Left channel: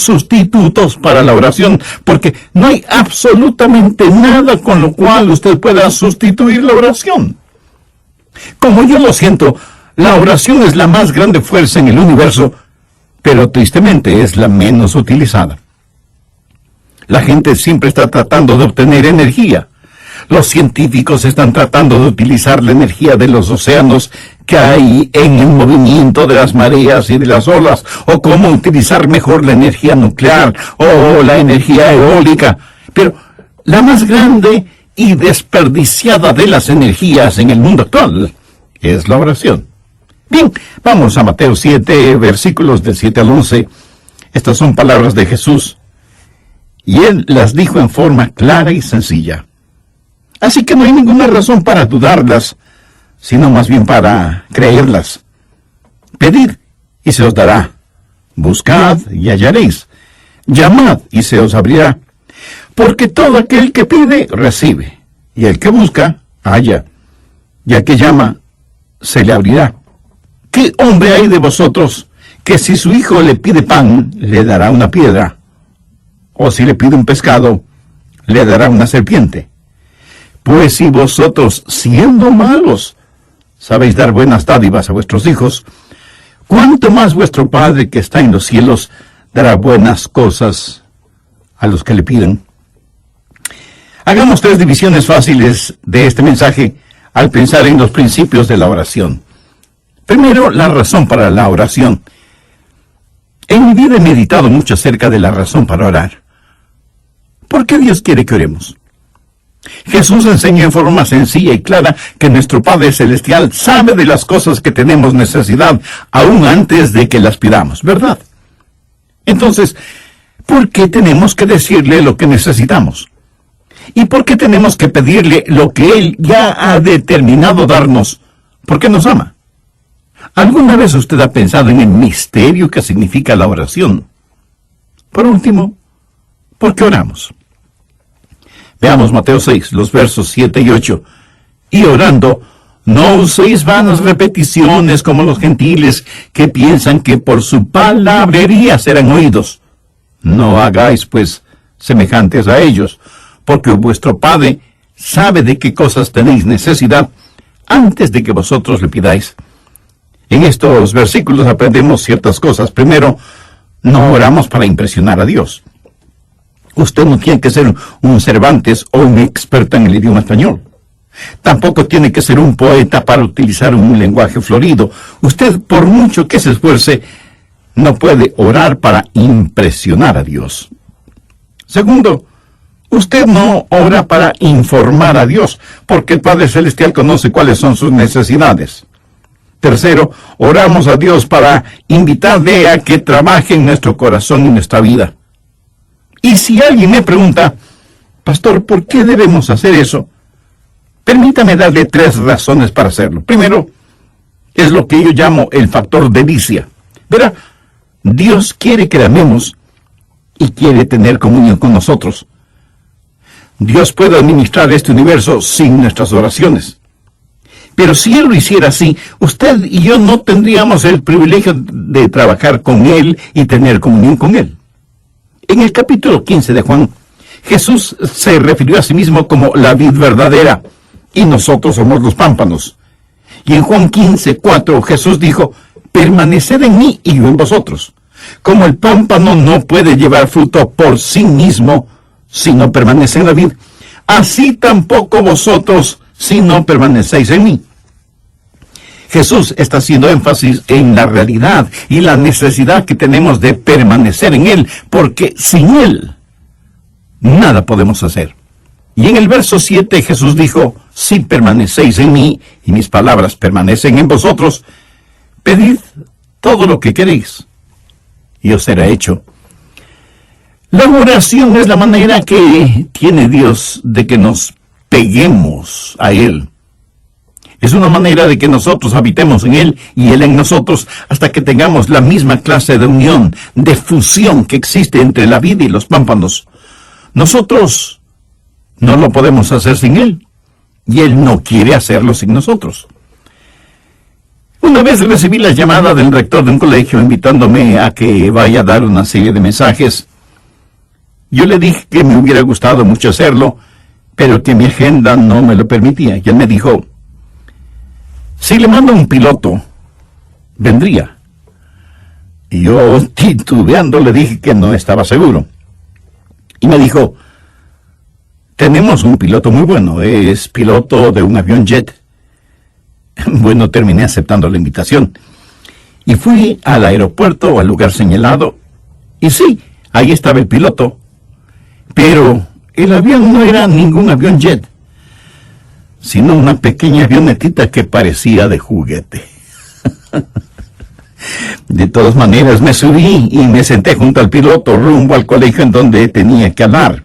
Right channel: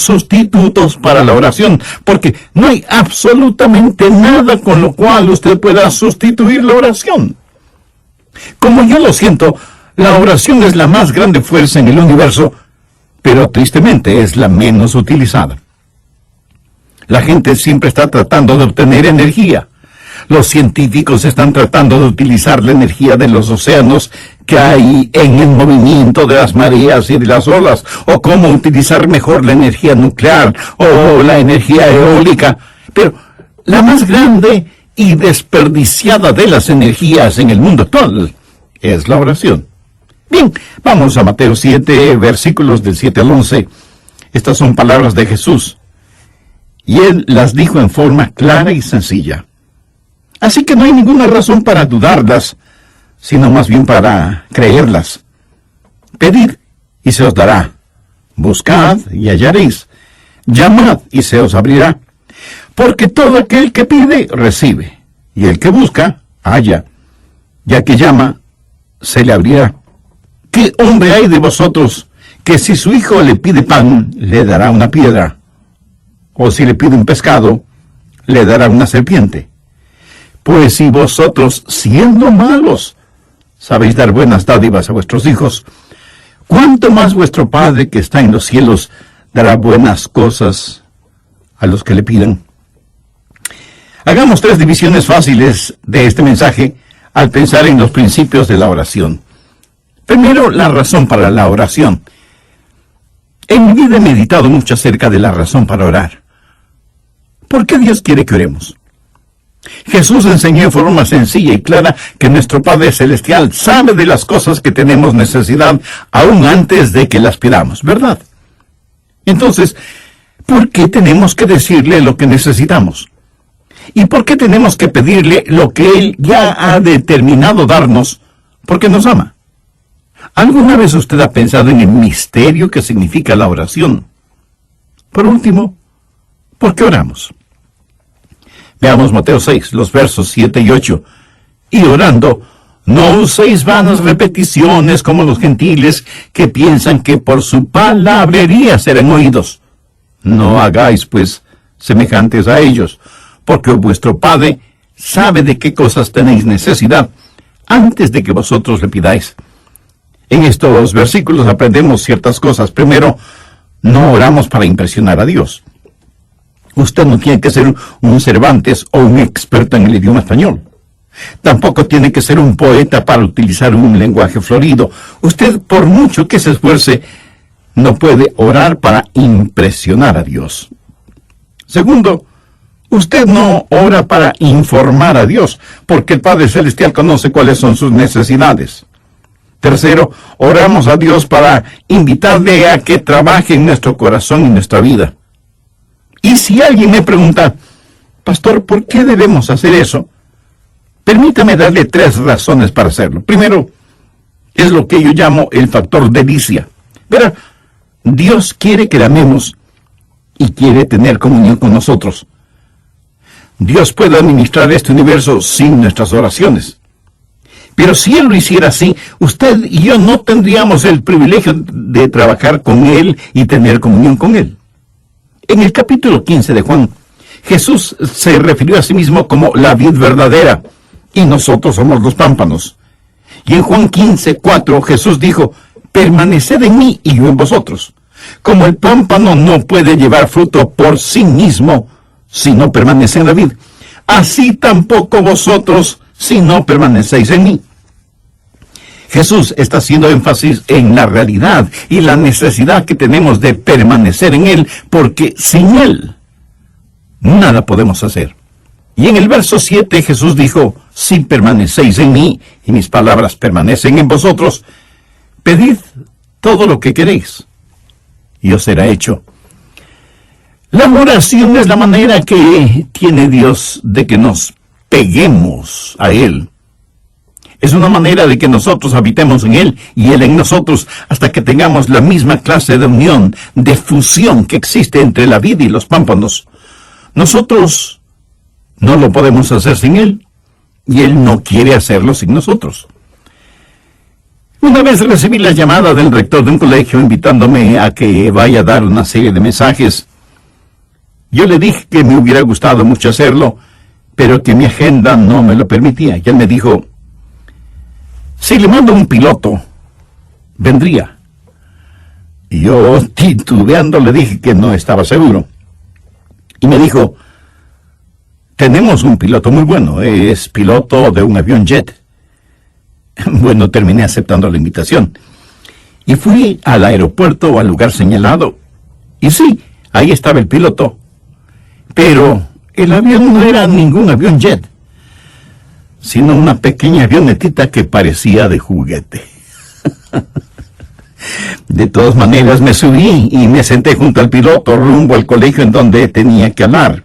sustitutos para la oración, porque no hay absolutamente nada con lo cual usted pueda sustituir la oración. Como yo lo siento, la oración es la más grande fuerza en el universo, pero tristemente es la menos utilizada. La gente siempre está tratando de obtener energía. Los científicos están tratando de utilizar la energía de los océanos que hay en el movimiento de las mareas y de las olas, o cómo utilizar mejor la energía nuclear o la energía eólica. Pero la más grande y desperdiciada de las energías en el mundo actual es la oración. Bien, vamos a Mateo 7, versículos del 7 al 11. Estas son palabras de Jesús, y Él las dijo en forma clara y sencilla. Así que no hay ninguna razón para dudarlas, sino más bien para creerlas. Pedid, y se os dará. Buscad, y hallaréis. Llamad, y se os abrirá. Porque todo aquel que pide, recibe. Y el que busca, halla. Y al que llama, se le abrirá. ¿Qué hombre hay de vosotros que si su hijo le pide pan, le dará una piedra? O si le pide un pescado, le dará una serpiente? Pues si vosotros, siendo malos, sabéis dar buenas dádivas a vuestros hijos, ¿cuánto más vuestro Padre que está en los cielos dará buenas cosas a los que le pidan? Hagamos 3 divisiones fáciles de este mensaje al pensar en los principios de la oración. Primero, la razón para la oración. En mi vida he meditado mucho acerca de la razón para orar. ¿Por qué Dios quiere que oremos? Jesús enseñó en forma sencilla y clara que nuestro Padre Celestial sabe de las cosas que tenemos necesidad aún antes de que las pidamos, ¿verdad? Entonces, ¿por qué tenemos que decirle lo que necesitamos? ¿Y por qué tenemos que pedirle lo que Él ya ha determinado darnos? Porque nos ama. ¿Alguna vez usted ha pensado en el misterio que significa la oración? Por último, ¿por qué oramos? Veamos Mateo 6, los versos 7 y 8. Y orando, no uséis vanas repeticiones como los gentiles que piensan que por su palabrería serán oídos. No hagáis, pues, semejantes a ellos, porque vuestro Padre sabe de qué cosas tenéis necesidad antes de que vosotros le pidáis. En estos versículos aprendemos ciertas cosas. Primero, no oramos para impresionar a Dios. Usted no tiene que ser un Cervantes o un experto en el idioma español. Tampoco tiene que ser un poeta para utilizar un lenguaje florido. Usted, por mucho que se esfuerce, no puede orar para impresionar a Dios. Segundo, usted no ora para informar a Dios, porque el Padre Celestial conoce cuáles son sus necesidades. Tercero, oramos a Dios para invitarle a que trabaje en nuestro corazón y nuestra vida. Y si alguien me pregunta, pastor, ¿por qué debemos hacer eso? Permítame darle 3 razones para hacerlo. Primero, es lo que yo llamo el factor delicia. Verá, Dios quiere que le amemos y quiere tener comunión con nosotros. Dios puede administrar este universo sin nuestras oraciones. Pero si Él lo hiciera así, usted y yo no tendríamos el privilegio de trabajar con Él y tener comunión con Él. En el capítulo 15 de Juan, Jesús se refirió a sí mismo como la vid verdadera, y nosotros somos los pámpanos. Y en Juan 15:4 Jesús dijo, permaneced en mí y yo en vosotros. Como el pámpano no puede llevar fruto por sí mismo si no permanece en la vid, así tampoco vosotros si no permanecéis en mí. Jesús está haciendo énfasis en la realidad y la necesidad que tenemos de permanecer en Él, porque sin Él nada podemos hacer. Y en el verso 7 Jesús dijo, si permanecéis en mí y mis palabras permanecen en vosotros, pedid todo lo que queréis y os será hecho. La oración es la manera que tiene Dios de que nos peguemos a Él. Es una manera de que nosotros habitemos en Él y Él en nosotros hasta que tengamos la misma clase de unión, de fusión que existe entre la vid y los pámpanos. Nosotros no lo podemos hacer sin Él y Él no quiere hacerlo sin nosotros. Una vez recibí la llamada del rector de un colegio invitándome a que vaya a dar una serie de mensajes. Yo le dije que me hubiera gustado mucho hacerlo, pero que mi agenda no me lo permitía. Y él me dijo, si le mando un piloto, vendría. Y yo, titubeando, le dije que no estaba seguro. Y me dijo, tenemos un piloto muy bueno, es piloto de un avión jet. Bueno, terminé aceptando la invitación. Y fui al aeropuerto, al lugar señalado. Y sí, ahí estaba el piloto. Pero el avión no era ningún avión jet, sino una pequeña avionetita que parecía de juguete. De todas maneras, me subí y me senté junto al piloto rumbo al colegio en donde tenía que hablar.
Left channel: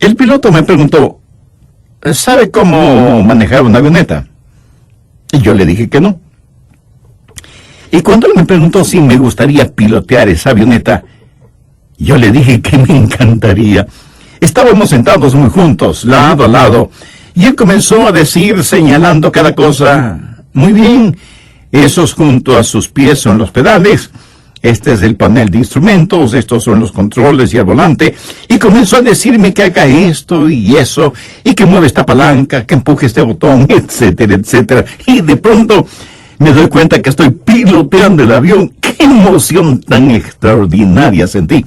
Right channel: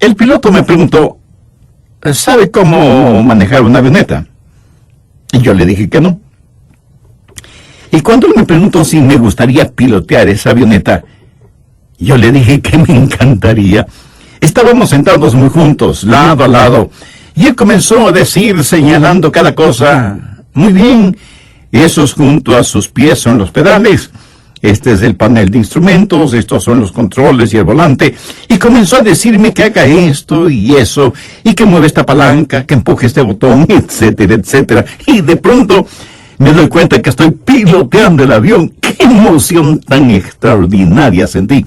El piloto me preguntó, ¿sabe cómo manejar una avioneta? Y yo le dije que no. Y cuando él me preguntó si me gustaría pilotear esa avioneta, yo le dije que me encantaría. Estábamos sentados muy juntos, lado a lado, y él comenzó a decir, señalando cada cosa, muy bien, esos junto a sus pies son los pedales, este es el panel de instrumentos, estos son los controles y el volante, y comenzó a decirme que haga esto y eso, y que mueva esta palanca, que empuje este botón, etcétera, etcétera. Y de pronto me doy cuenta que estoy piloteando el avión. ¡Qué emoción tan extraordinaria sentí!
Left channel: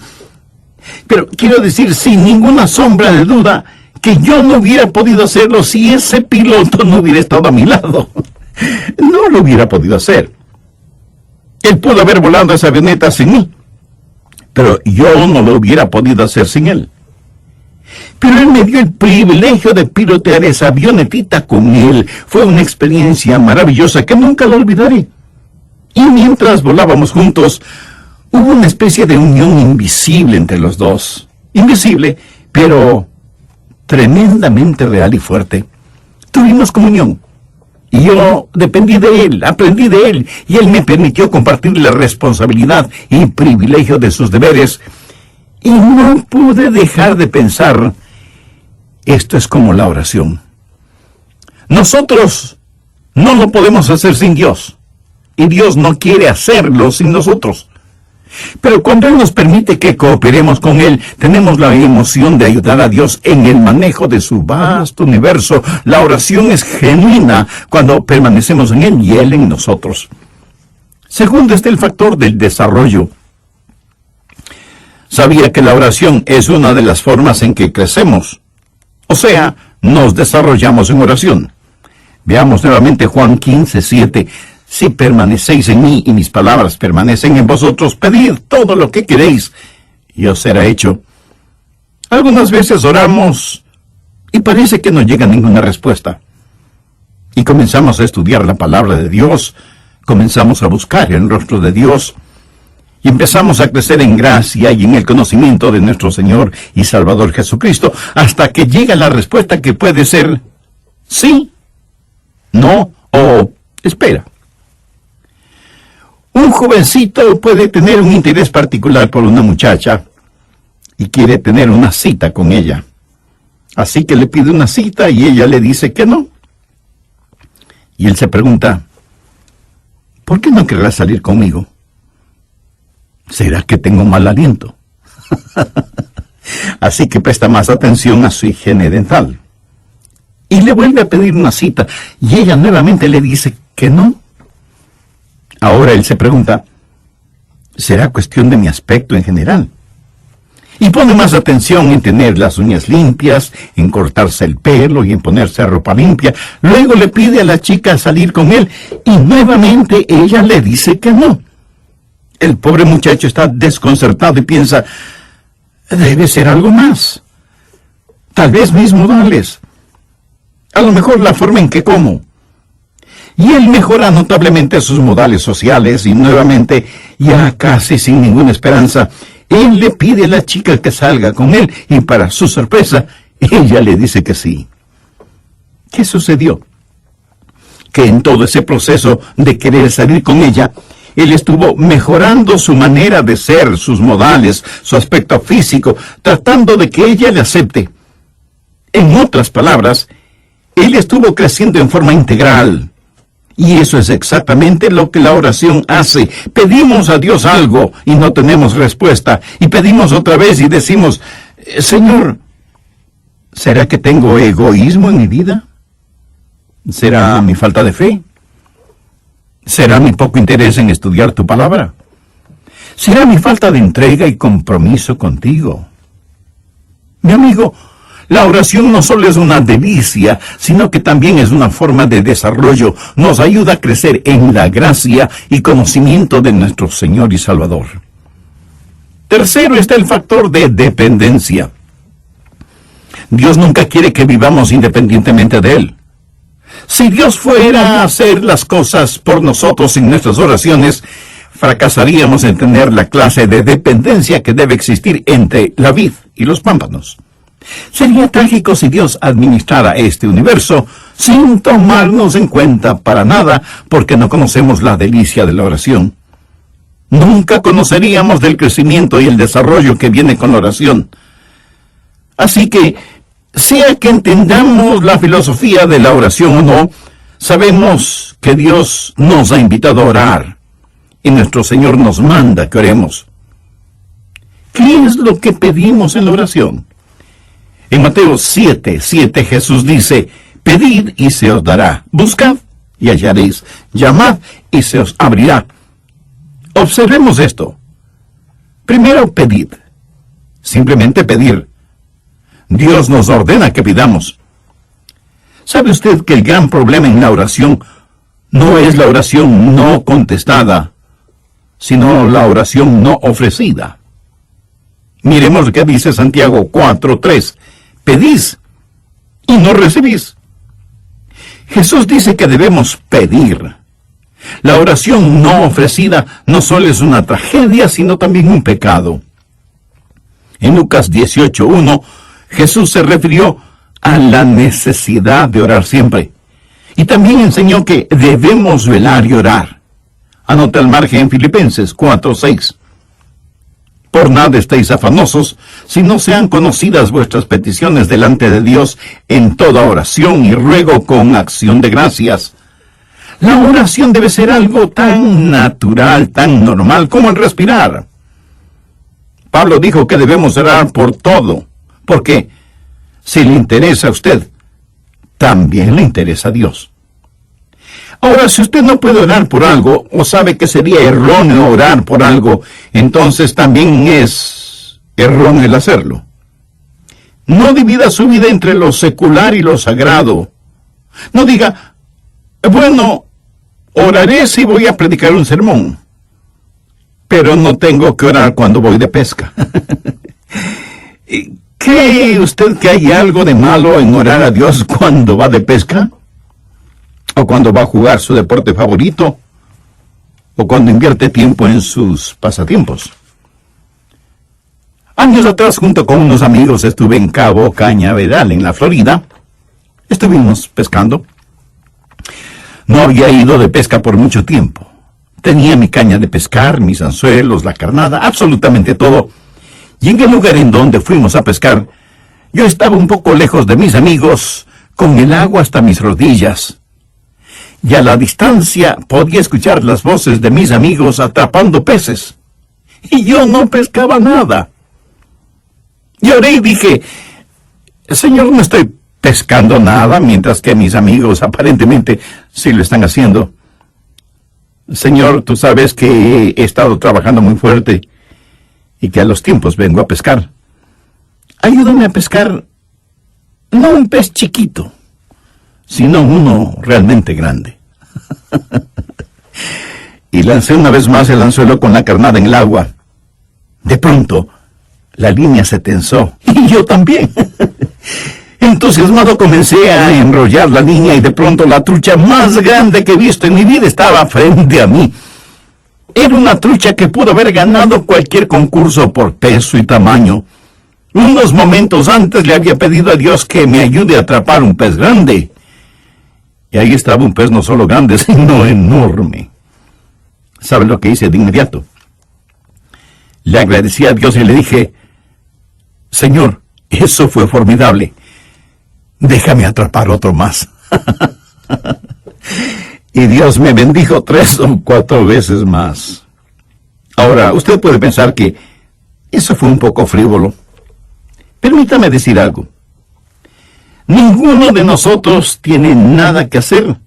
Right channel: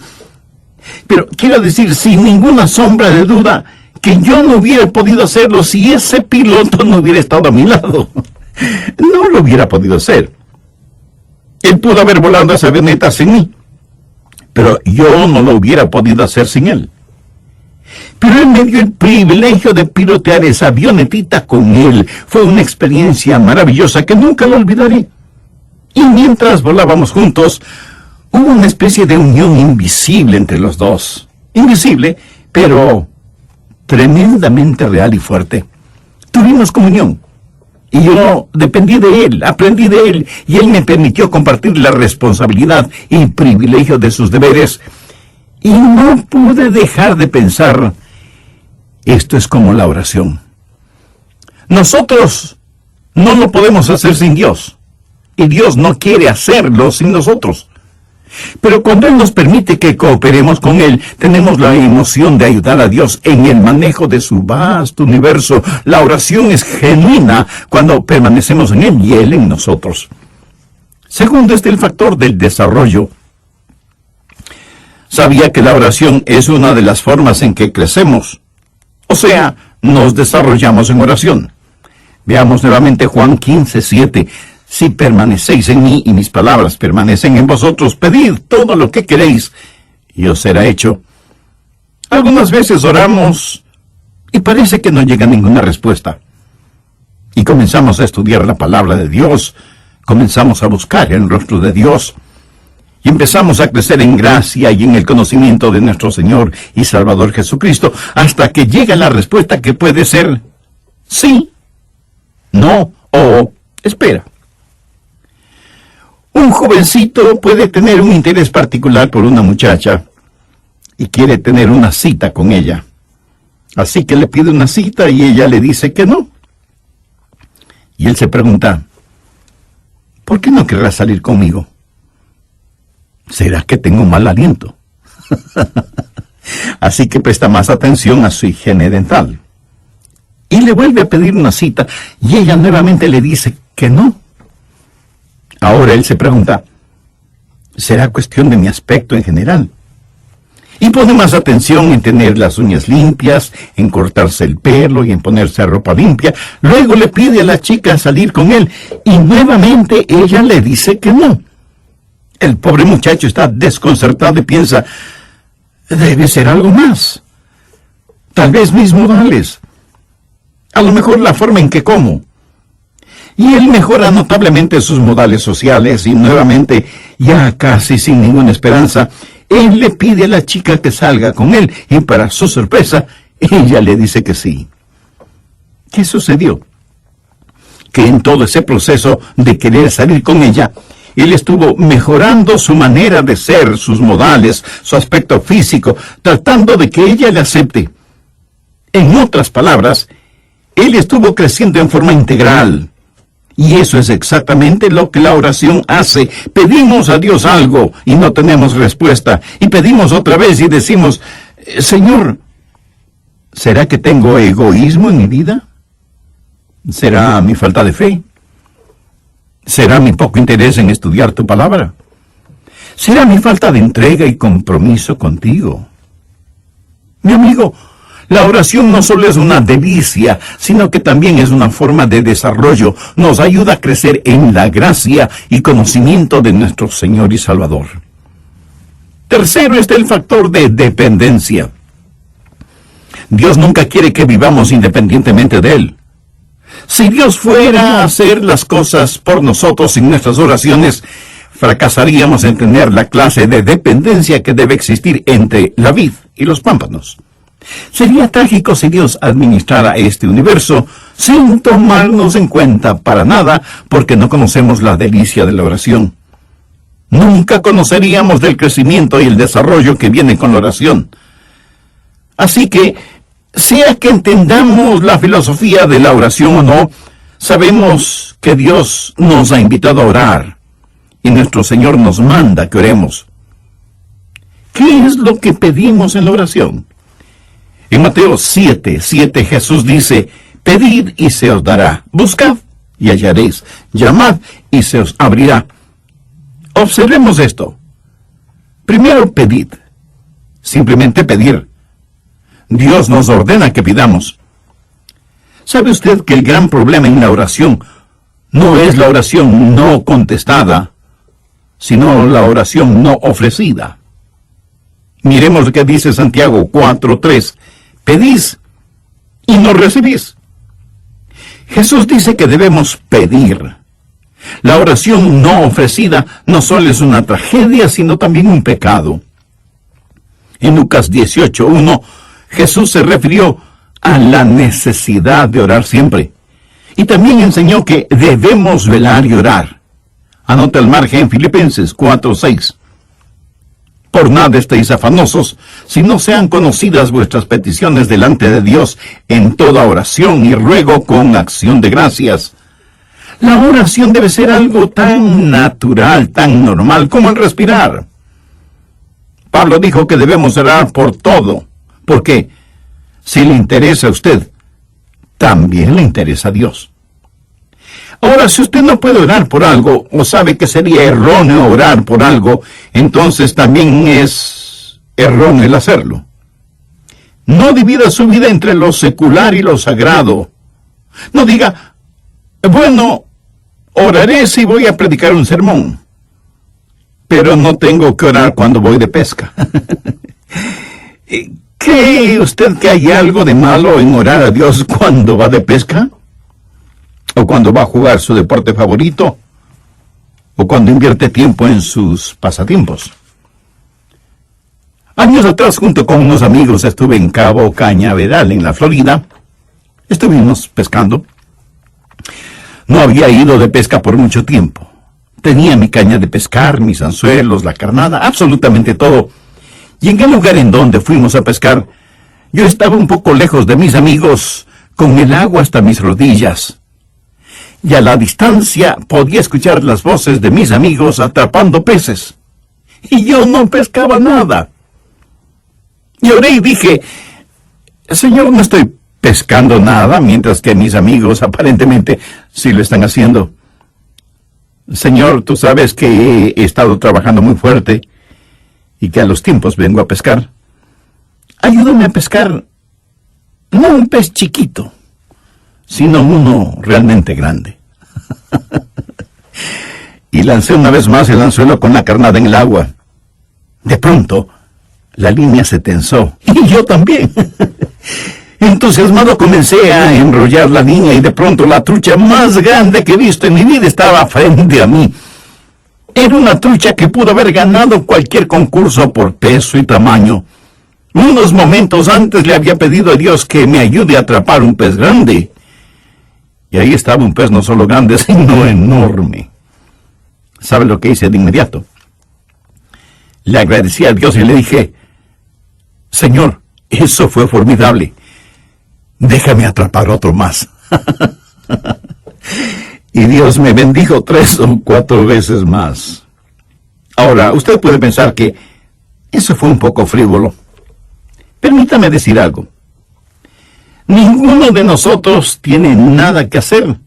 Pero quiero decir, sin ninguna sombra de duda, que yo no hubiera podido hacerlo si ese piloto no hubiera estado a mi lado. No lo hubiera podido hacer. Él pudo haber volado esa avioneta sin mí, pero yo no lo hubiera podido hacer sin él. Pero él me dio el privilegio de pilotear esa avionetita con él. Fue una experiencia maravillosa que nunca lo olvidaré. Y mientras volábamos juntos, hubo una especie de unión invisible entre los dos. Invisible, pero tremendamente real y fuerte. Tuvimos comunión. Y yo dependí de él, aprendí de él, y él me permitió compartir la responsabilidad y privilegio de sus deberes. Y no pude dejar de pensar, esto es como la oración. Nosotros no lo podemos hacer sin Dios, y Dios no quiere hacerlo sin nosotros. Pero cuando Él nos permite que cooperemos con Él, tenemos la emoción de ayudar a Dios en el manejo de su vasto universo. La oración es genuina cuando permanecemos en Él y Él en nosotros. Segundo está el factor del desarrollo. Sabía que la oración es una de las formas en que crecemos. O sea, nos desarrollamos en oración. Veamos nuevamente Juan 15:7. Si permanecéis en mí y mis palabras permanecen en vosotros, pedid todo lo que queréis y os será hecho. Algunas veces oramos y parece que no llega ninguna respuesta. Y comenzamos a estudiar la palabra de Dios, comenzamos a buscar el rostro de Dios y empezamos a crecer en gracia y en el conocimiento de nuestro Señor y Salvador Jesucristo, hasta que llega la respuesta que puede ser sí, no o espera. Un jovencito puede tener un interés particular por una muchacha y quiere tener una cita con ella. Así que le pide una cita y ella le dice que no. Y él se pregunta, ¿por qué no querrás salir conmigo? ¿Será que tengo mal aliento? Así que presta más atención a su higiene dental. Y le vuelve a pedir una cita y ella nuevamente le dice que no. Ahora él se pregunta, ¿será cuestión de mi aspecto en general? Y pone más atención en tener las uñas limpias, en cortarse el pelo y en ponerse ropa limpia. Luego le pide a la chica salir con él y nuevamente ella le dice que no. El pobre muchacho está desconcertado y piensa, debe ser algo más. Tal vez mis modales. A lo mejor la forma en que como. Y él mejora notablemente sus modales sociales y nuevamente, ya casi sin ninguna esperanza, él le pide a la chica que salga con él y para su sorpresa, ella le dice que sí. ¿Qué sucedió? Que en todo ese proceso de querer salir con ella, él estuvo mejorando su manera de ser, sus modales, su aspecto físico, tratando de que ella le acepte. En otras palabras, él estuvo creciendo en forma integral. Y eso es exactamente lo que la oración hace. Pedimos a Dios algo y no tenemos respuesta. Y pedimos otra vez y decimos, Señor, ¿será que tengo egoísmo en mi vida? ¿Será mi falta de fe? ¿Será mi poco interés en estudiar tu palabra? ¿Será mi falta de entrega y compromiso contigo? Mi amigo, la oración no solo es una delicia, sino que también es una forma de desarrollo. Nos ayuda a crecer en la gracia y conocimiento de nuestro Señor y Salvador. Tercero está el factor de dependencia. Dios nunca quiere que vivamos independientemente de Él. Si Dios fuera a hacer las cosas por nosotros en nuestras oraciones, fracasaríamos en tener la clase de dependencia que debe existir entre la vid y los pámpanos. Sería trágico si Dios administrara este universo sin tomarnos en cuenta para nada, porque no conocemos la delicia de la oración. Nunca conoceríamos del crecimiento y el desarrollo que viene con la oración. Así que, sea que entendamos la filosofía de la oración o no, sabemos que Dios nos ha invitado a orar y nuestro Señor nos manda que oremos. ¿Qué es lo que pedimos en la oración? En Mateo 7:7 Jesús dice, pedid y se os dará, buscad y hallaréis, llamad y se os abrirá. Observemos esto. Primero, pedid. Simplemente pedir. Dios nos ordena que pidamos. ¿Sabe usted que el gran problema en la oración no es la oración no contestada, sino la oración no ofrecida? Miremos lo que dice Santiago 4:3. Pedís y no recibís. Jesús dice que debemos pedir. La oración no ofrecida no solo es una tragedia, sino también un pecado. En Lucas 18:1, Jesús se refirió a la necesidad de orar siempre. Y también enseñó que debemos velar y orar. Anota el margen en Filipenses 4:6. Por nada estéis afanosos, si no sean conocidas vuestras peticiones delante de Dios en toda oración y ruego con acción de gracias. La oración debe ser algo tan natural, tan normal como el respirar. Pablo dijo que debemos orar por todo, porque si le interesa a usted, también le interesa a Dios. Ahora, si usted no puede orar por algo, o sabe que sería erróneo orar por algo, entonces también es erróneo el hacerlo. No divida su vida entre lo secular y lo sagrado. No diga, bueno, oraré si voy a predicar un sermón, pero no tengo que orar cuando voy de pesca. ¿Cree usted que hay algo de malo en orar a Dios cuando va de pesca? ¿O cuando va a jugar su deporte favorito? ¿O cuando invierte tiempo en sus pasatiempos? Años atrás, junto con unos amigos, estuve en Cabo Cañaveral, en la Florida. Estuvimos pescando. No había ido de pesca por mucho tiempo. Tenía mi caña de pescar, mis anzuelos, la carnada, absolutamente todo. Y en el lugar en donde fuimos a pescar, yo estaba un poco lejos de mis amigos, con el agua hasta mis rodillas. Y a la distancia podía escuchar las voces de mis amigos atrapando peces. Y yo no pescaba nada. Y oré y dije, Señor, no estoy pescando nada, mientras que mis amigos aparentemente sí lo están haciendo. Señor, tú sabes que he estado trabajando muy fuerte y que a los tiempos vengo a pescar. Ayúdame a pescar, no un pez chiquito, sino uno realmente grande. Y lancé una vez más el anzuelo con la carnada en el agua. De pronto, la línea se tensó, y yo también. Entusiasmado comencé a enrollar la línea y de pronto la trucha más grande que he visto en mi vida estaba frente a mí. Era una trucha que pudo haber ganado cualquier concurso por peso y tamaño. Unos momentos antes le había pedido a Dios que me ayude a atrapar un pez grande. Y ahí estaba un pez no solo grande, sino enorme. ¿Sabe lo que hice de inmediato? Le agradecí a Dios y le dije, Señor, eso fue formidable. Déjame atrapar otro más. y Dios me bendijo 3 o 4 veces más. Ahora, usted puede pensar que eso fue un poco frívolo. Permítame decir algo. Ninguno de nosotros tiene nada que hacer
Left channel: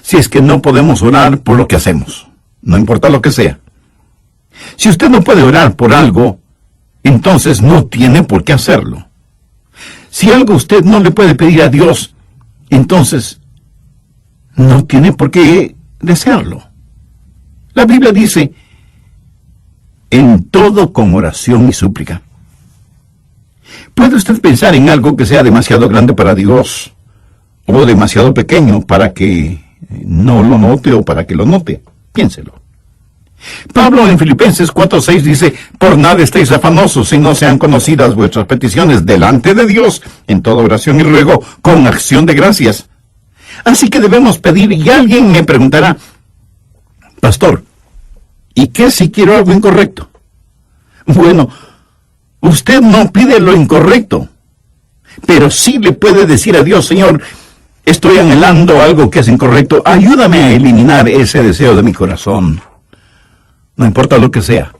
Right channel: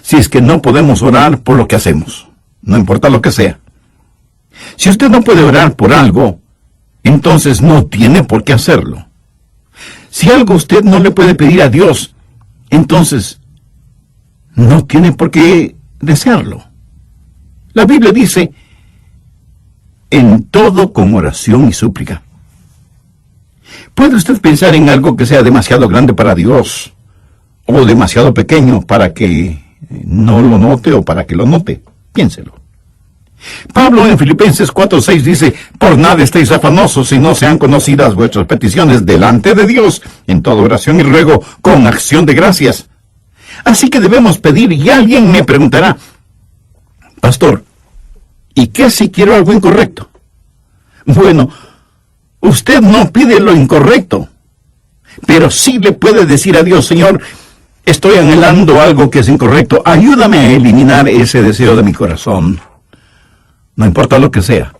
si es que no podemos orar por lo que hacemos, no importa lo que sea. Si usted no puede orar por algo, entonces no tiene por qué hacerlo. Si algo usted no le puede pedir a Dios, entonces no tiene por qué desearlo. La Biblia dice, en todo con oración y súplica. ¿Puede usted pensar en algo que sea demasiado grande para Dios o demasiado pequeño para que no lo note o para que lo note? Piénselo. Pablo en Filipenses 4:6 dice, por nada estéis afanosos, si no sean conocidas vuestras peticiones delante de Dios, en toda oración y ruego, con acción de gracias. Así que debemos pedir, y alguien me preguntará, pastor, ¿y qué si quiero algo incorrecto? Bueno, usted no pide lo incorrecto, pero sí le puede decir a Dios, Señor, estoy anhelando algo que es incorrecto, ayúdame a eliminar ese deseo de mi corazón. No importa lo que sea,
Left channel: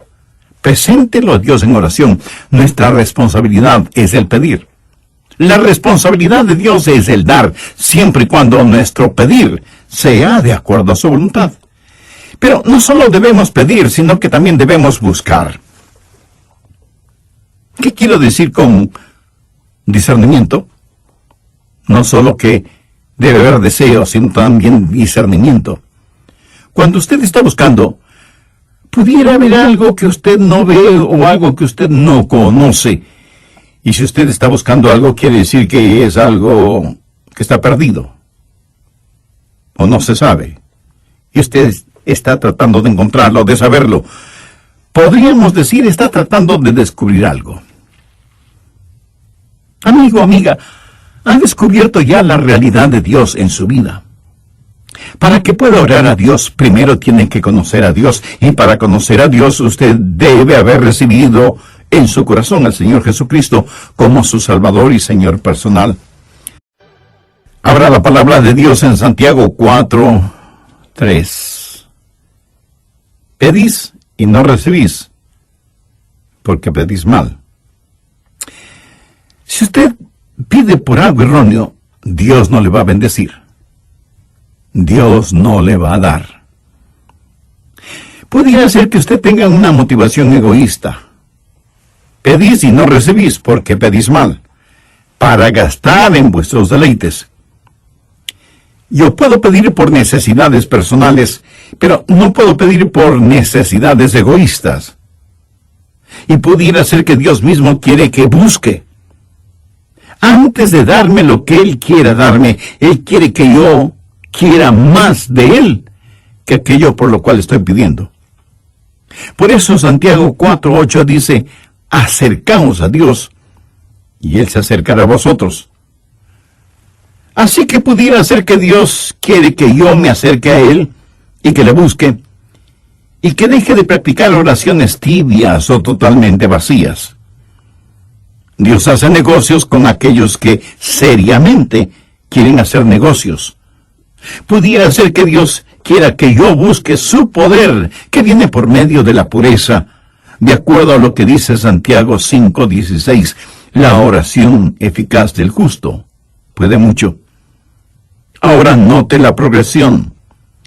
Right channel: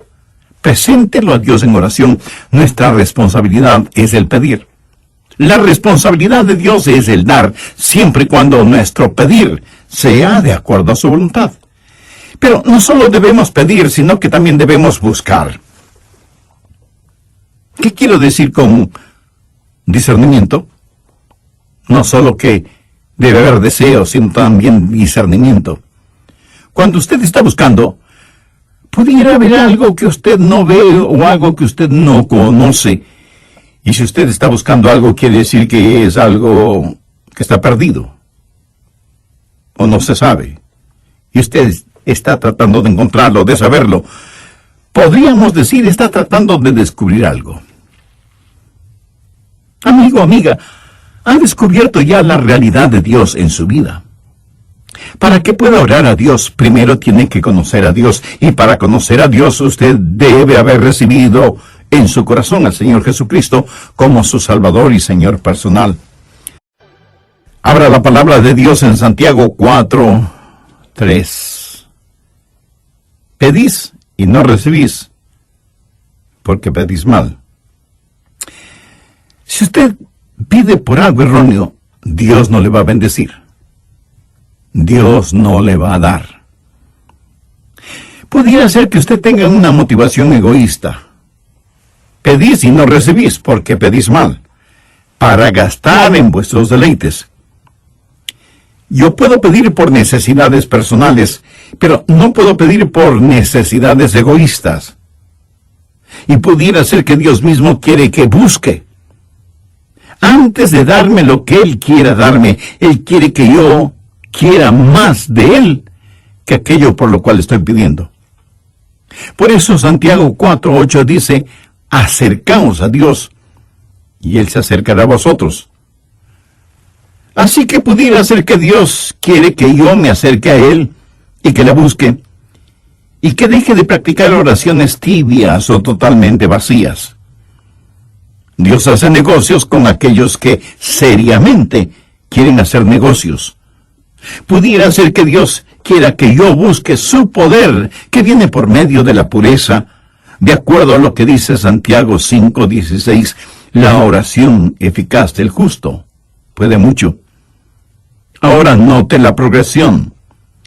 preséntelo a Dios en oración. Nuestra responsabilidad es el pedir. La responsabilidad de Dios es el dar, siempre y cuando nuestro pedir sea de acuerdo a su voluntad. Pero no solo debemos pedir, sino que también debemos buscar. ¿Qué quiero decir con discernimiento? No solo que debe haber deseo, sino también discernimiento. Cuando usted está buscando, pudiera haber algo que usted no ve o algo que usted no conoce. Y si usted está buscando algo, quiere decir que es algo que está perdido. O no se sabe. Y usted está tratando de encontrarlo, de saberlo. Podríamos decir, está tratando de descubrir algo. Amigo, amiga, ¿ha descubierto ya la realidad de Dios en su vida? Para que pueda orar a Dios, primero tiene que conocer a Dios. Y para conocer a Dios, usted debe haber recibido en su corazón al Señor Jesucristo como su Salvador y Señor personal. Abra la palabra de Dios en Santiago 4:3. Pedís y no recibís, porque pedís mal. Si usted pide por algo erróneo, Dios no le va a bendecir. Dios no le va a dar. Pudiera ser que usted tenga una motivación egoísta. Pedís y no recibís, porque pedís mal, para gastar en vuestros deleites. Yo puedo pedir por necesidades personales, pero no puedo pedir por necesidades egoístas. Y pudiera ser que Dios mismo quiere que busque. Antes de darme lo que Él quiera darme, Él quiere que yo quiera más de Él que aquello por lo cual estoy pidiendo. Por eso Santiago 4:8 dice, acercaos a Dios, y Él se acercará a vosotros. Así que pudiera ser que Dios quiere que yo me acerque a Él y que le busque, y que deje de practicar oraciones tibias o totalmente vacías. Dios hace negocios con aquellos que seriamente quieren hacer negocios. Pudiera ser que Dios quiera que yo busque su poder, que viene por medio de la pureza, de acuerdo a lo que dice Santiago 5:16, la oración eficaz del justo puede mucho. Ahora note la progresión:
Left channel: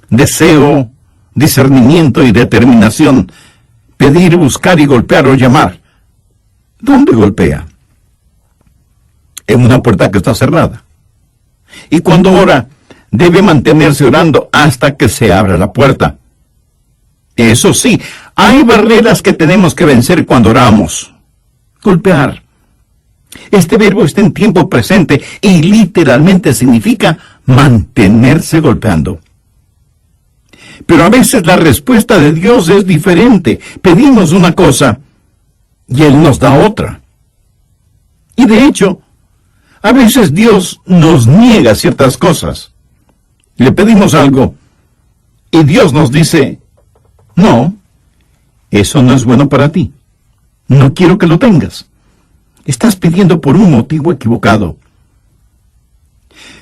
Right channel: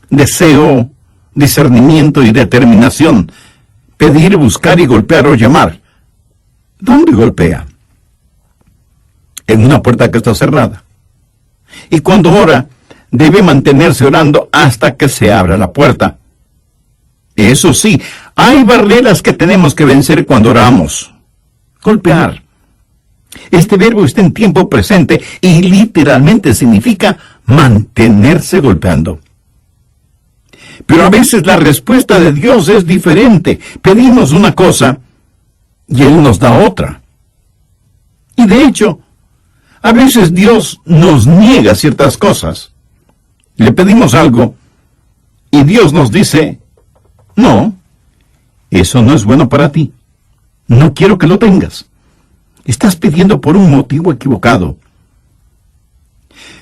deseo, discernimiento y determinación, pedir, buscar y golpear o llamar. ¿Dónde golpea? En una puerta que está cerrada. Y cuando ora, debe mantenerse orando hasta que se abra la puerta. Eso sí, hay barreras que tenemos que vencer cuando oramos. Golpear. Este verbo está en tiempo presente y literalmente significa mantenerse golpeando. Pero a veces la respuesta de Dios es diferente. Pedimos una cosa y Él nos da otra. Y de hecho, a veces Dios nos niega ciertas cosas. Le pedimos algo y Dios nos dice, no, eso no es bueno para ti. No quiero que lo tengas. Estás pidiendo por un motivo equivocado.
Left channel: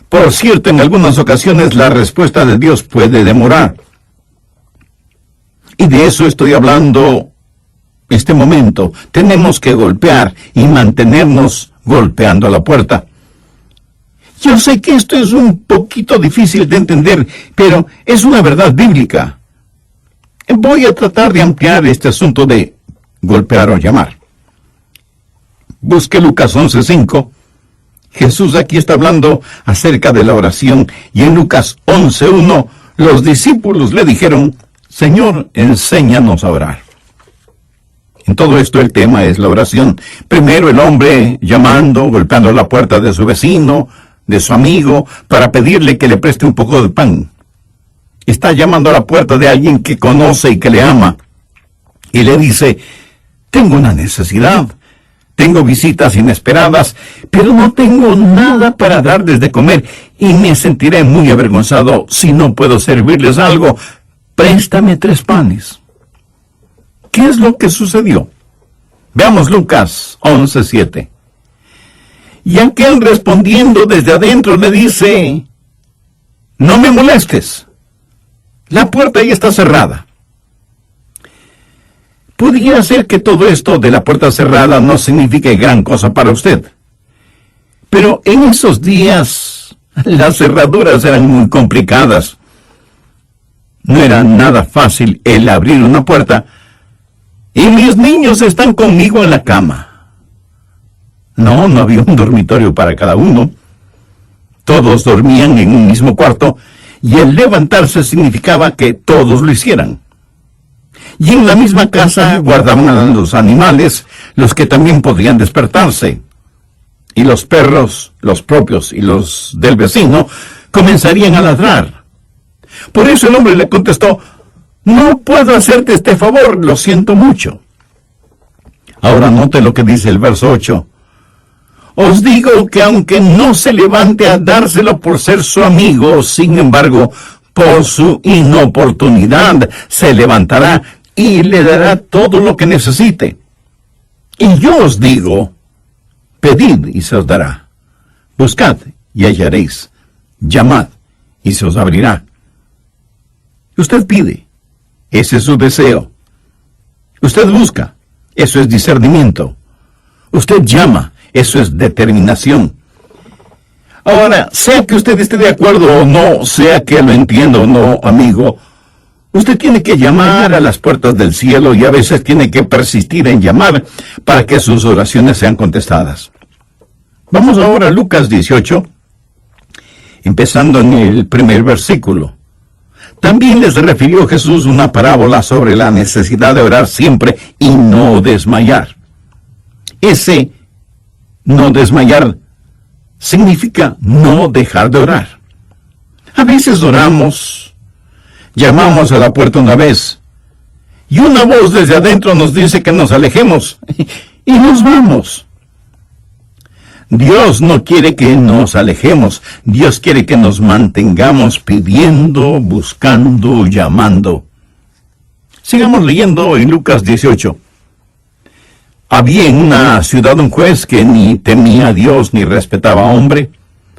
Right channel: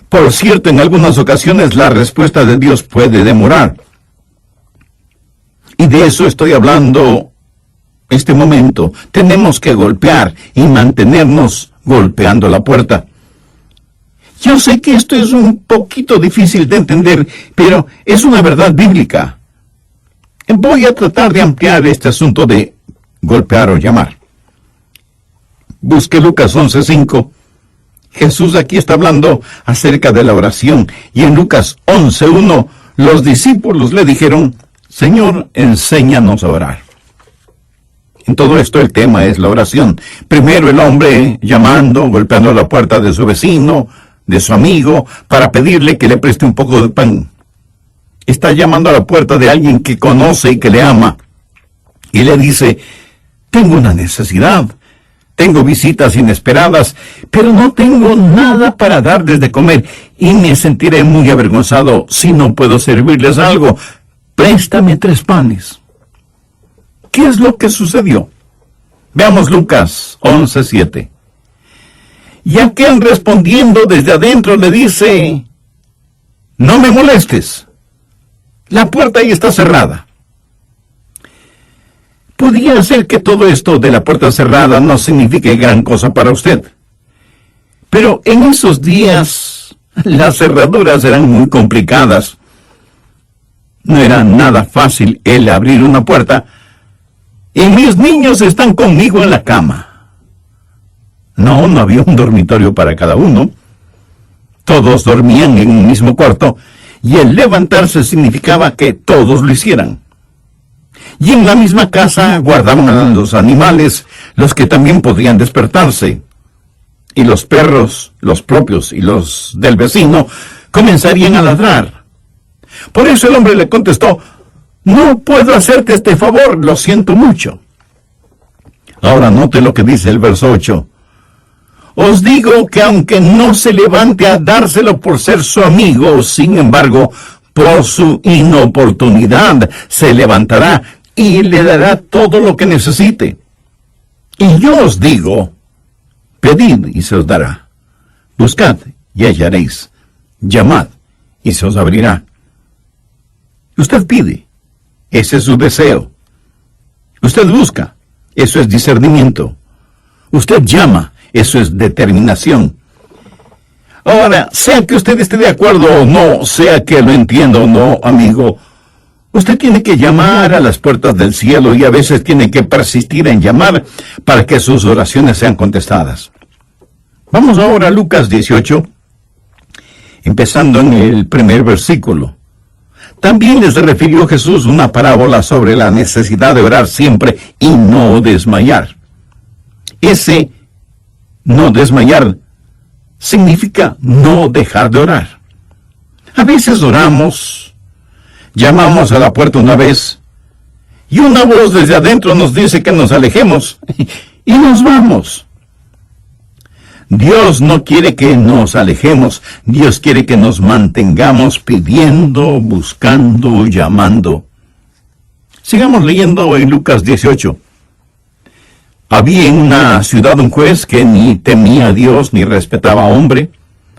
Por cierto, en algunas ocasiones la respuesta de Dios puede demorar. Y de eso estoy hablando este momento. Tenemos que golpear y mantenernos golpeando la puerta. Yo sé que esto es un poquito difícil de entender, pero es una verdad bíblica. Voy a tratar de ampliar este asunto de golpear o llamar. Busque Lucas 11:5. Jesús aquí está hablando acerca de la oración, y en Lucas 11:1 los discípulos le dijeron: Señor, enséñanos a orar. En todo esto el tema es la oración. Primero el hombre llamando, golpeando la puerta de su vecino, de su amigo, para pedirle que le preste un poco de pan. Está llamando a la puerta de alguien que conoce y que le ama, y le dice: tengo una necesidad, tengo visitas inesperadas, pero no tengo nada para darles de comer, y me sentiré muy avergonzado si no puedo servirles algo. Préstame 3 panes. ¿Qué es lo que sucedió? Veamos Lucas 11:7. Y aquel respondiendo desde adentro le dice: no me molestes, la puerta ahí está cerrada. Pudiera ser que todo esto de la puerta cerrada no signifique gran cosa para usted. Pero en esos días las cerraduras eran muy complicadas. No era nada fácil el abrir una puerta. Y mis niños están conmigo en la cama. No había un dormitorio para cada uno. Todos dormían en un mismo cuarto, y el levantarse significaba que todos lo hicieran. Y en la misma casa guardaban a los animales, los que también podían despertarse. Y los perros, los propios y los del vecino, comenzarían a ladrar. Por eso el hombre le contestó: no puedo hacerte este favor, lo siento mucho. Ahora note lo que dice el verso 8. Os digo que aunque no se levante a dárselo por ser su amigo, sin embargo, por su inoportunidad se levantará y le dará todo lo que necesite. Y yo os digo: pedid y se os dará. Buscad y hallaréis. Llamad y se os abrirá. Usted pide, ese es su deseo. Usted busca, eso es discernimiento. Usted llama, eso es determinación. Ahora, sea que usted esté de acuerdo o no, sea que lo entienda o no, amigo, usted tiene que llamar a las puertas del cielo, y a veces tiene que persistir en llamar para que sus oraciones sean contestadas. Vamos ahora a Lucas 18, empezando en el primer versículo. También les refirió Jesús una parábola sobre la necesidad de orar siempre y no desmayar. Ese no desmayar significa no dejar de orar. A veces oramos, llamamos a la puerta una vez, y una voz desde adentro nos dice que nos alejemos, y nos vamos. Dios no quiere que nos alejemos. Dios quiere que nos mantengamos pidiendo, buscando, llamando. Sigamos leyendo en Lucas 18. Había en una ciudad un juez que ni temía a Dios ni respetaba a hombre.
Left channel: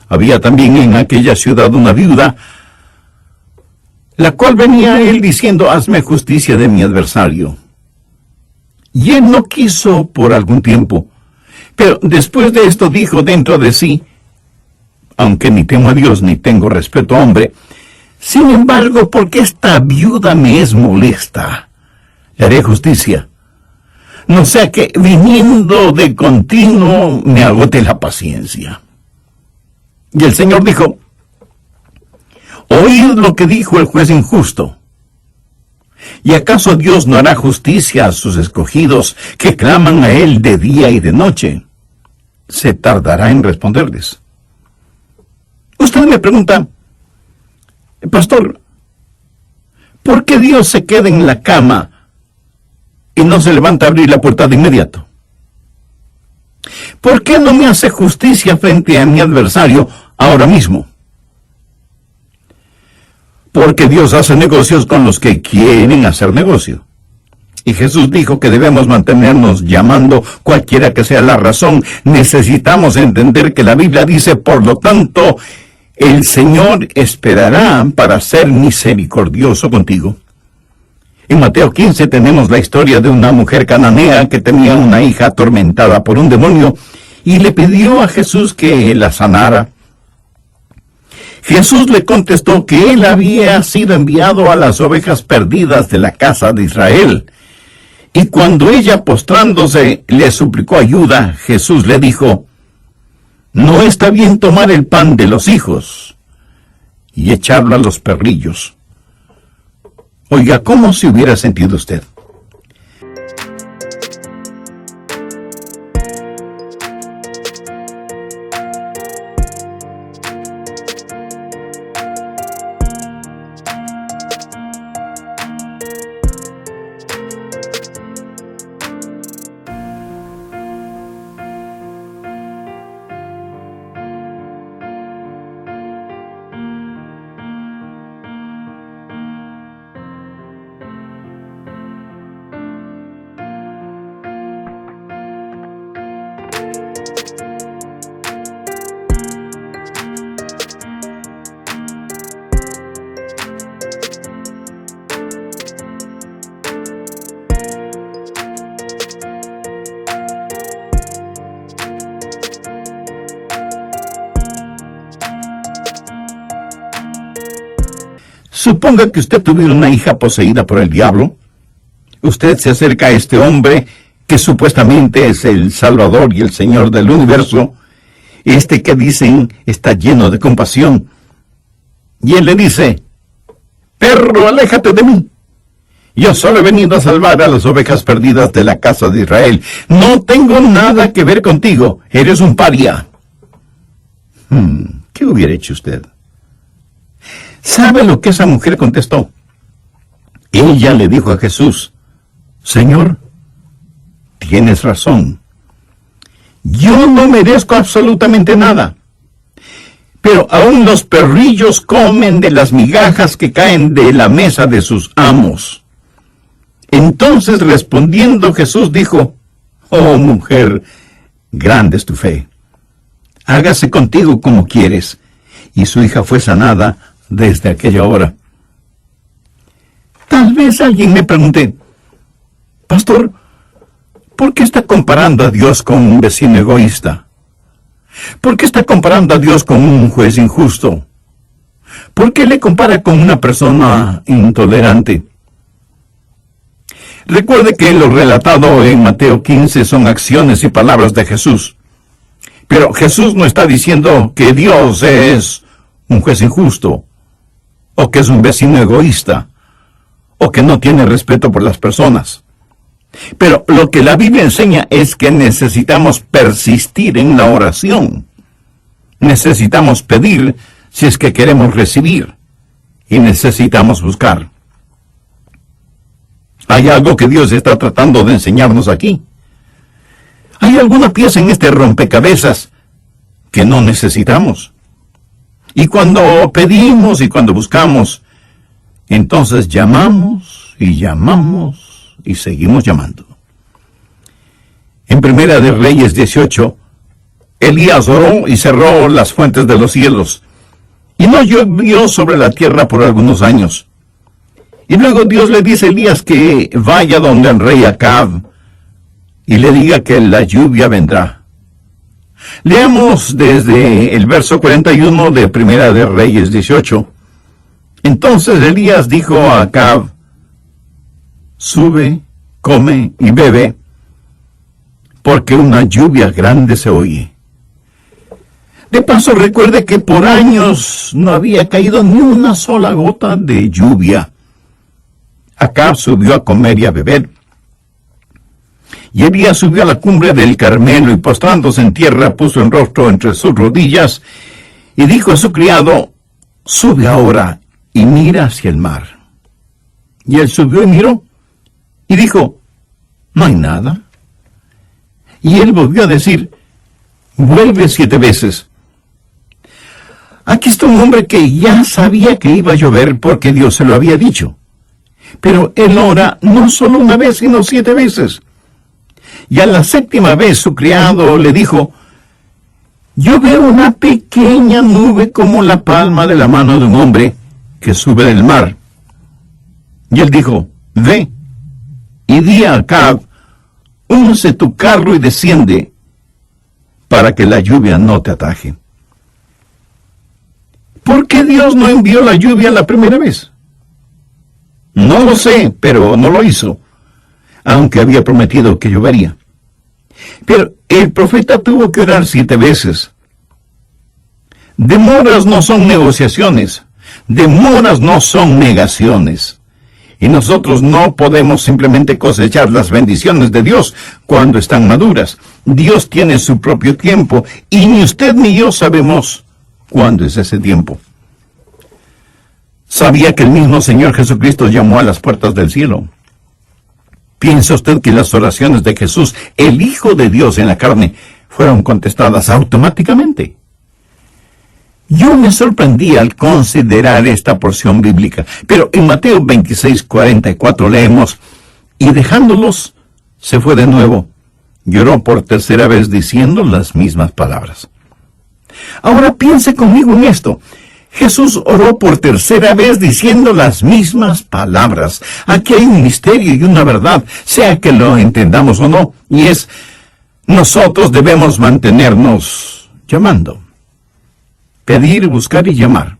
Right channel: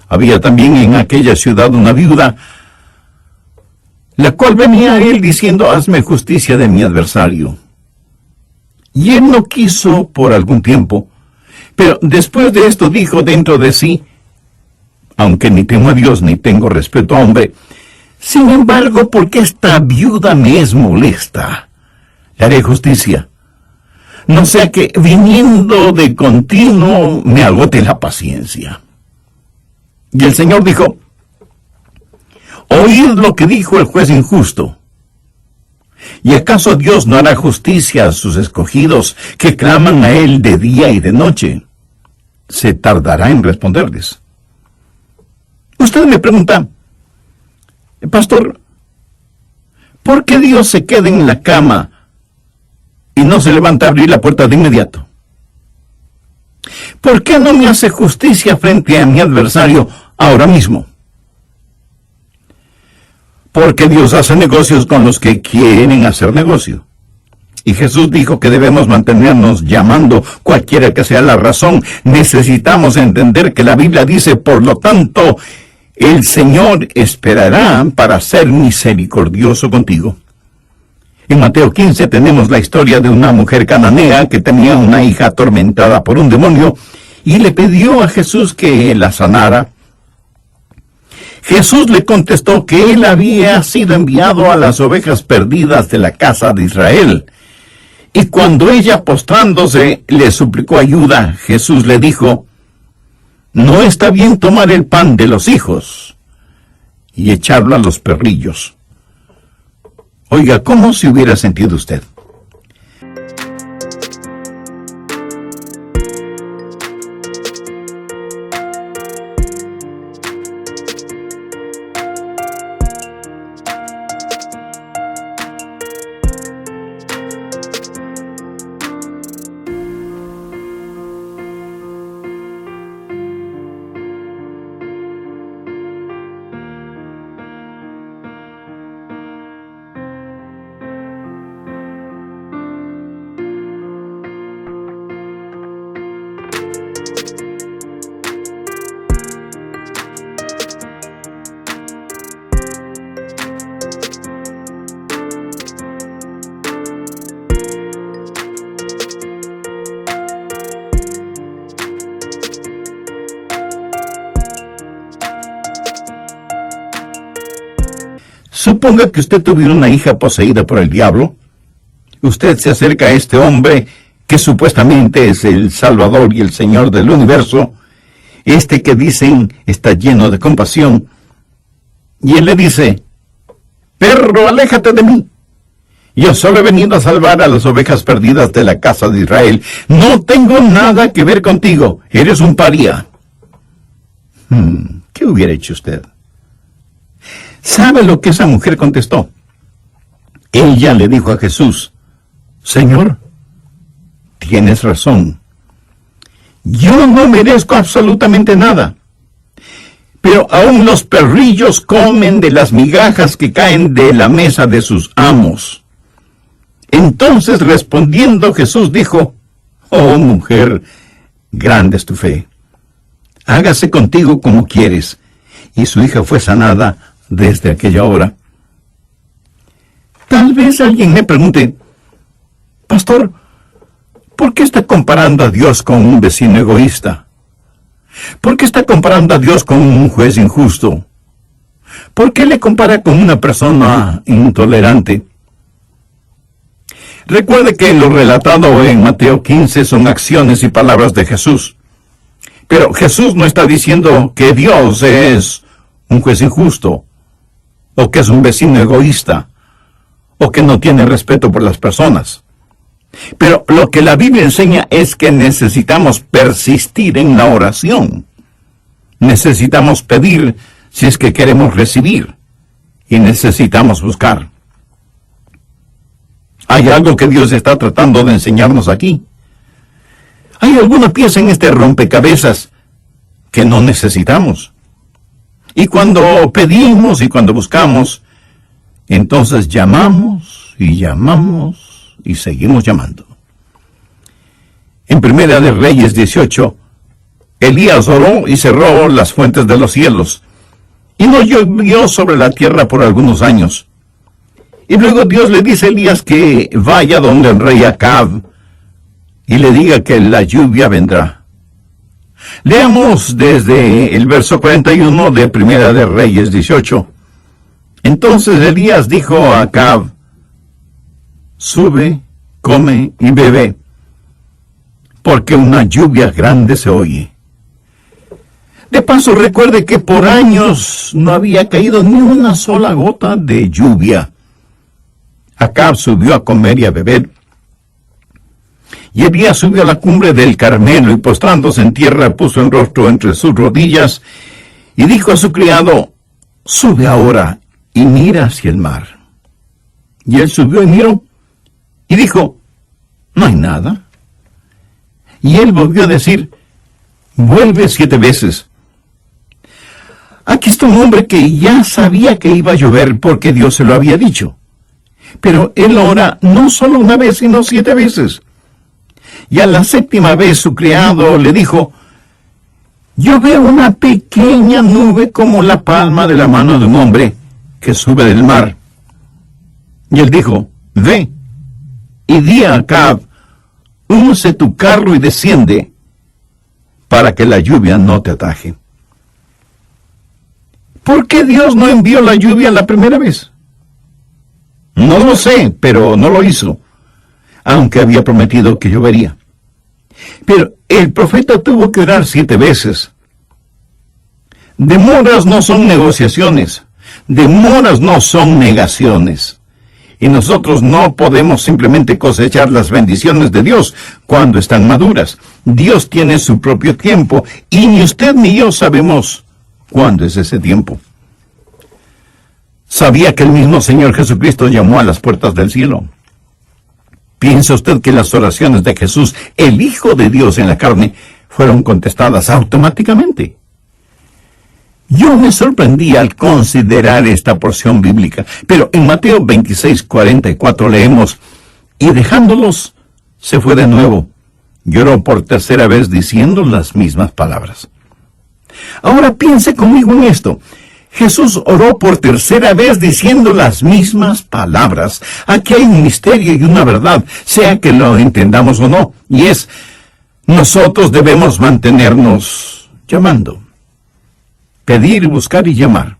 Había también en aquella ciudad una viuda, la cual venía a él diciendo: hazme justicia de mi adversario. Y él no quiso por algún tiempo. Pero después de esto dijo dentro de sí: aunque ni temo a Dios ni tengo respeto a hombre, sin embargo, porque esta viuda me es molesta, le haré justicia, no sea que viniendo de continuo me agote la paciencia. Y el Señor dijo: oíd lo que dijo el juez injusto. ¿Y acaso Dios no hará justicia a sus escogidos que claman a Él de día y de noche? Se tardará en responderles. Usted me pregunta: pastor, ¿por qué Dios se queda en la cama y no se levanta a abrir la puerta de inmediato? ¿Por qué no me hace justicia frente a mi adversario ahora mismo? Porque Dios hace negocios con los que quieren hacer negocio. Y Jesús dijo que debemos mantenernos llamando, cualquiera que sea la razón. Necesitamos entender que la Biblia dice: por lo tanto, el Señor esperará para ser misericordioso contigo. En Mateo 15 tenemos la historia de una mujer cananea que tenía una hija atormentada por un demonio y le pidió a Jesús que la sanara. Jesús le contestó que él había sido enviado a las ovejas perdidas de la casa de Israel. Y cuando ella, postrándose, le suplicó ayuda, Jesús le dijo: no está bien tomar el pan de los hijos y echarlo a los perrillos. Oiga, ¿cómo se hubiera sentido usted? Suponga que usted tuviera una hija poseída por el diablo. Usted se acerca a este hombre que supuestamente es el Salvador y el Señor del universo, este que dicen está lleno de compasión, y él le dice: perro, aléjate de mí. Yo solo he venido a salvar a las ovejas perdidas de la casa de Israel. No tengo nada que ver contigo. Eres un paria. ¿Qué hubiera hecho usted? ¿Sabe lo que esa mujer contestó? Ella le dijo a Jesús: Señor, tienes razón. Yo no merezco absolutamente nada. Pero aún los perrillos comen de las migajas que caen de la mesa de sus amos. Entonces, respondiendo, Jesús dijo: oh mujer, grande es tu fe. Hágase contigo como quieres. Y su hija fue sanada desde aquella hora. Tal vez alguien me pregunte: Pastor, ¿por qué está comparando a Dios con un vecino egoísta? ¿Por qué está comparando a Dios con un juez injusto? ¿Por qué le compara con una persona intolerante? Recuerde que lo relatado en Mateo 15 son acciones y palabras de Jesús. Pero Jesús no está diciendo que Dios es un juez injusto, o que es un vecino egoísta, o que no tiene respeto por las personas. Pero lo que la Biblia enseña es que necesitamos persistir en la oración. Necesitamos pedir si es que queremos recibir, y necesitamos buscar. ¿Hay algo que Dios está tratando de enseñarnos aquí? ¿Hay alguna pieza en este rompecabezas que no necesitamos? Y cuando pedimos y cuando buscamos, entonces llamamos y seguimos llamando. En Primera de Reyes 18, Elías oró y cerró las fuentes de los cielos, y no llovió sobre la tierra por algunos años. Y luego Dios le dice a Elías que vaya donde el rey Acab y le diga que la lluvia vendrá. Leamos desde el verso 41 de Primera de Reyes 18. Entonces Elías dijo a Acab: sube, come y bebe, porque una lluvia grande se oye. De paso, recuerde que por años no había caído ni una sola gota de lluvia. Acab subió a comer y a beber. Y Elías subió a la cumbre del Carmelo y postrándose en tierra puso el rostro entre sus rodillas y dijo a su criado: sube ahora y mira hacia el mar. Y él subió y miró y dijo: no hay nada. Y él volvió a decir: vuelve 7 veces. Aquí está un hombre que ya sabía que iba a llover porque Dios se lo había dicho. Pero él ora no solo una vez, sino 7 veces. Y a la 7ª vez su criado le dijo: yo veo una pequeña nube como la palma de la mano de un hombre que sube del mar. Y él dijo, ve y di a Acab, unce tu carro y desciende, para que la lluvia no te ataje. ¿Por qué Dios no envió la lluvia la primera vez? No lo sé, pero no lo hizo, aunque había prometido que llovería. Pero el profeta tuvo que orar 7 veces. Demoras no son negociaciones, demoras no son negaciones. Y nosotros no podemos simplemente cosechar las bendiciones de Dios cuando están maduras. Dios tiene su propio tiempo y ni usted ni yo sabemos cuándo es ese tiempo. ¿Sabía que el mismo Señor Jesucristo llamó a las puertas del cielo? ¿Piensa usted que las oraciones de Jesús, el Hijo de Dios en la carne, fueron contestadas automáticamente? Yo me sorprendí al considerar esta porción bíblica, pero en Mateo 26:44 leemos, y dejándolos, se fue de nuevo, lloró por tercera vez diciendo las mismas palabras. Ahora piense conmigo en esto. Jesús oró por tercera vez diciendo las mismas palabras. Aquí hay un misterio y una verdad, sea que lo entendamos o no, y es, nosotros debemos mantenernos llamando. Pedir, buscar y llamar.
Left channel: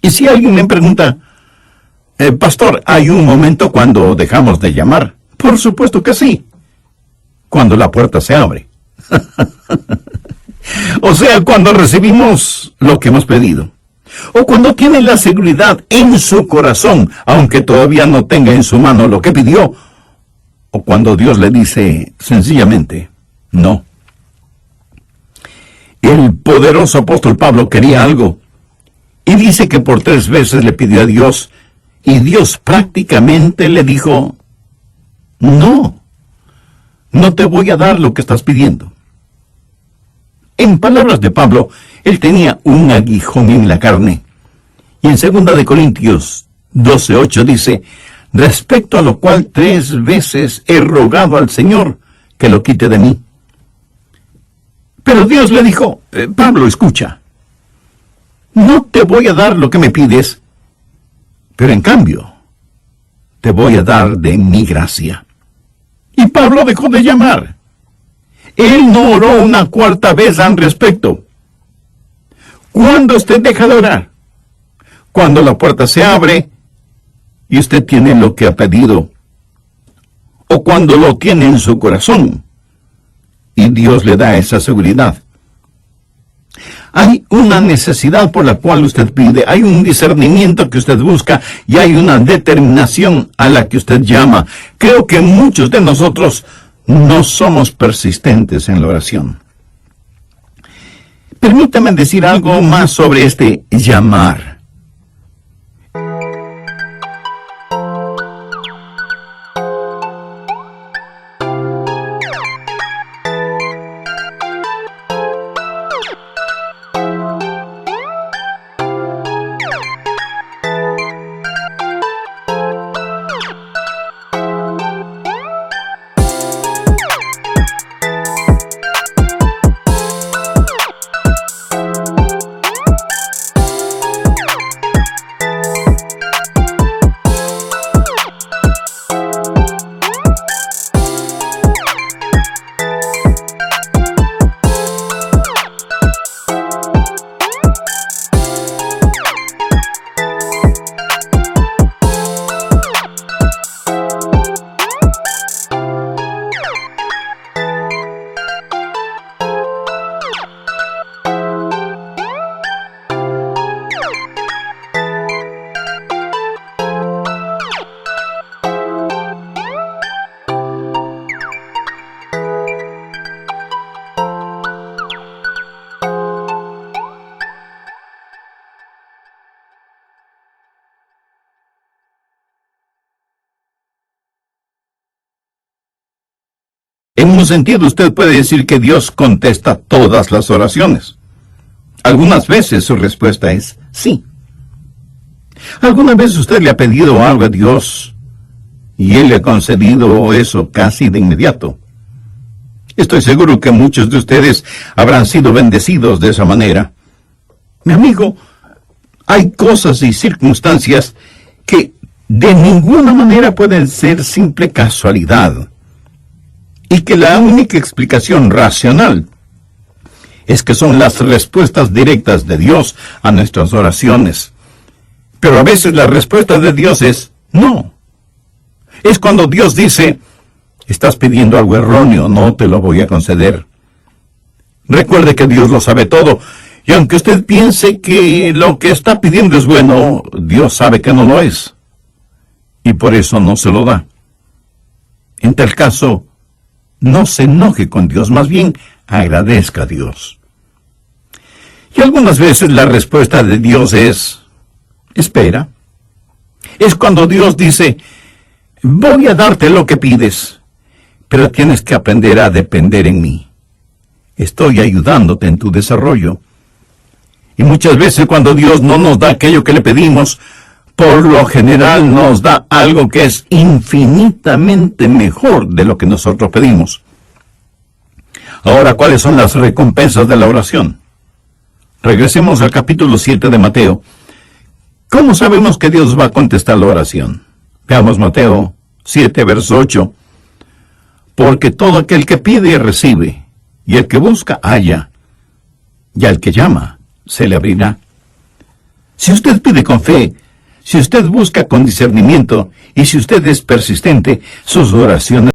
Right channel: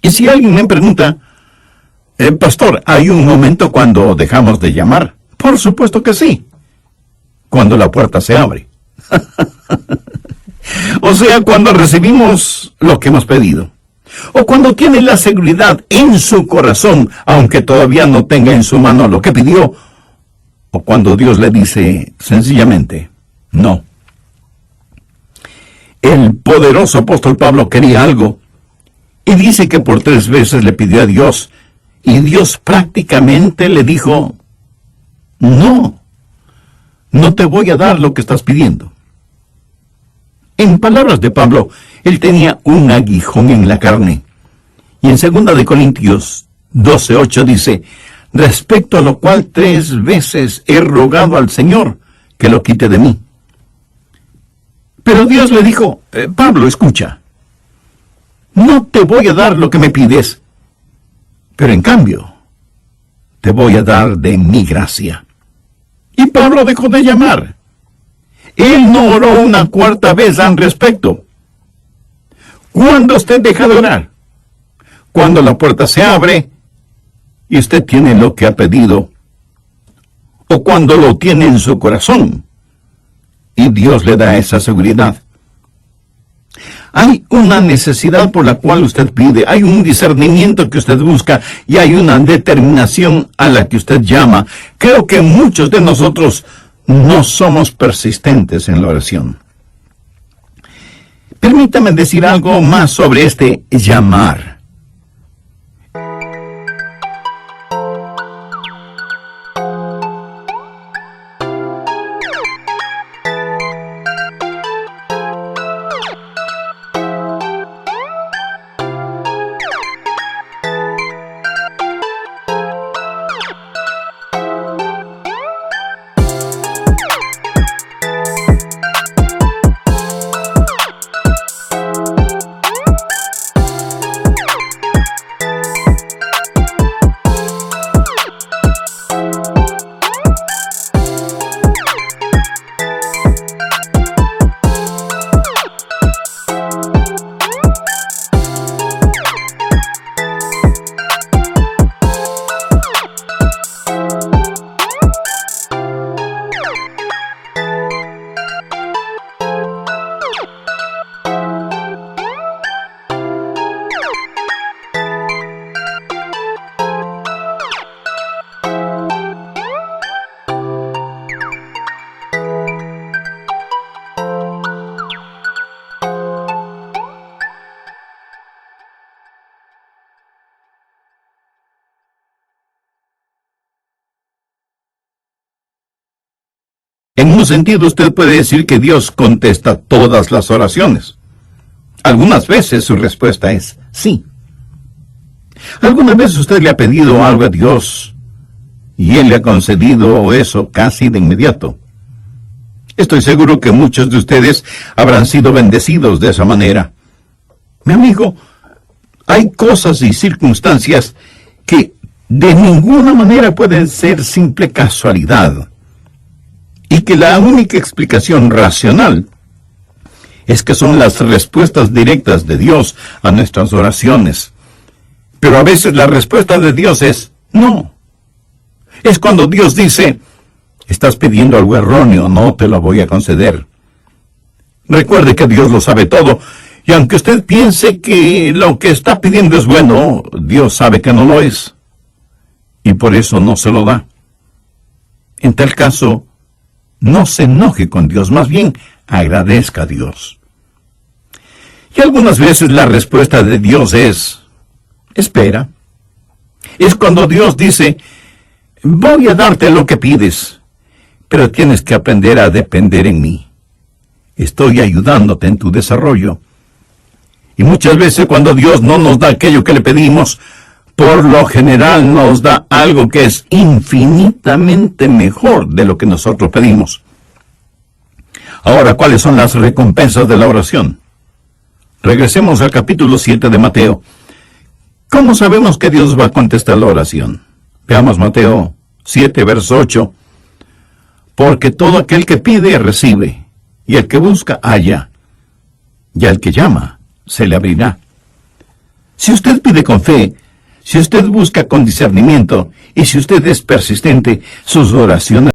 Y si alguien me pregunta, pastor, ¿hay un momento cuando dejamos de llamar? Por supuesto que sí. Cuando la puerta se abre. O sea, cuando recibimos lo que hemos pedido. O cuando tiene la seguridad en su corazón, aunque todavía no tenga en su mano lo que pidió. O cuando Dios le dice sencillamente, no. El poderoso apóstol Pablo quería algo, y dice que por 3 veces le pidió a Dios, y Dios prácticamente le dijo, no te voy a dar lo que estás pidiendo. En palabras de Pablo, él tenía un aguijón en la carne, y en 2 de Corintios 12:8 dice, respecto a lo cual 3 veces he rogado al Señor que lo quite de mí. Pero Dios le dijo, Pablo, escucha, no te voy a dar lo que me pides, pero en cambio, te voy a dar de mi gracia. Y Pablo dejó de llamar. Él no oró una 4ª vez al respecto. ¿Cuándo usted deja de orar? Cuando la puerta se abre y usted tiene lo que ha pedido, o cuando lo tiene en su corazón. Y Dios le da esa seguridad. Hay una necesidad por la cual usted pide, hay un discernimiento que usted busca y hay una determinación a la que usted llama. Creo que muchos de nosotros no somos persistentes en la oración. Permítame decir algo más sobre este llamar. En un sentido, usted puede decir que Dios contesta todas las oraciones. Algunas veces su respuesta es sí. ¿Alguna vez usted le ha pedido algo a Dios y Él le ha concedido eso casi de inmediato? Estoy seguro que muchos de ustedes habrán sido bendecidos de esa manera. Mi amigo, hay cosas y circunstancias que de ninguna manera pueden ser simple casualidad, y que la única explicación racional es que son las respuestas directas de Dios a nuestras oraciones. Pero a veces la respuesta de Dios es no. Es cuando Dios dice: estás pidiendo algo erróneo, no te lo voy a conceder. Recuerde que Dios lo sabe todo, y aunque usted piense que lo que está pidiendo es bueno, Dios sabe que no lo es, y por eso no se lo da. En tal caso, no se enoje con Dios, más bien agradezca a Dios. Y algunas veces la respuesta de Dios es: espera. Es cuando Dios dice: voy a darte lo que pides, pero tienes que aprender a depender en mí. Estoy ayudándote en tu desarrollo. Y muchas veces cuando Dios no nos da aquello que le pedimos, por lo general nos da algo que es infinitamente mejor de lo que nosotros pedimos. Ahora, ¿cuáles son las recompensas de la oración? Regresemos al capítulo 7 de Mateo. ¿Cómo sabemos que Dios va a contestar la oración? Veamos Mateo 7, verso 8. Porque todo aquel que pide, recibe, y el que busca, halla, y al que llama, se le abrirá. Si usted pide con fe, si usted busca con discernimiento, y si usted es persistente, sus oraciones